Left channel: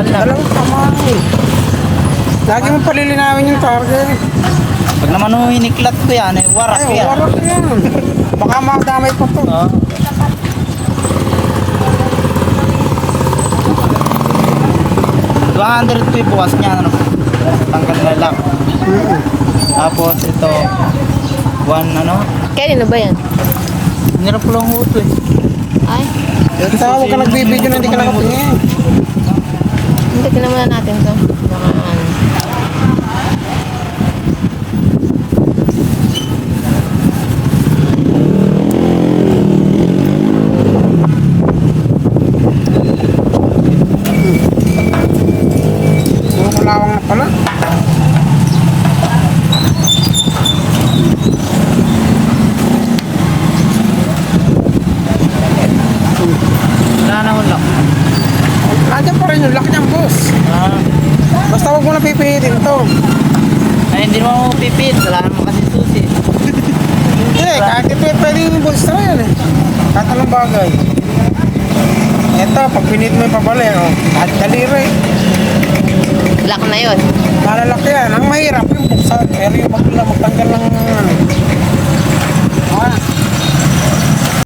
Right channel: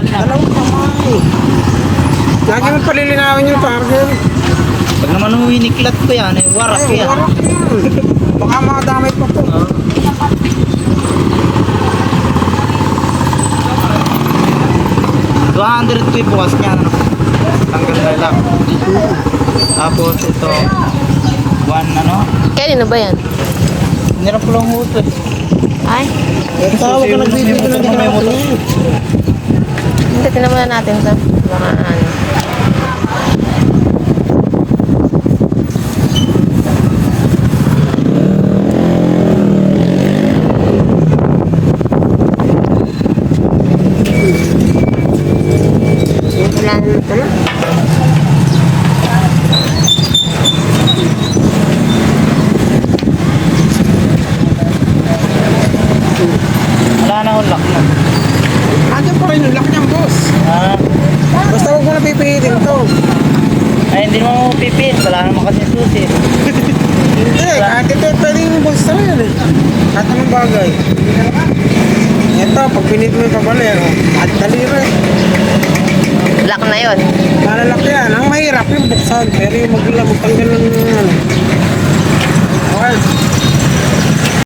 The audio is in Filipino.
Saan lang? Dalawang kamay. Lagi mo palilinawin yung target. Pag naman hiniklat ko yan, warak Ay, yan. warak yan. Baka makadamay pa po. Oo. $200 po bukas niya. Tanggal na lang. Tapos ito, Kanino ba yan? Nirap ko lang ho ito eh. Ay, Ito, huwag ka nagbibigyo na hindi ka nakatingin. hindi, tinamulan natin ito. Mga ano. Malawang na pala. Wala na akong lock na. Nandiyan pa rin yung lock niyan, boss. Ah, Basta huwag mo na pipihitin to. ay hindi naman ako pipit. Wala naman kasi susi. Hindi, kahit ito pwede yung boss na yan eh. Kahit anong bagay. Ito, pag pinit mo yung pagbalay, at daliri. Black na yon.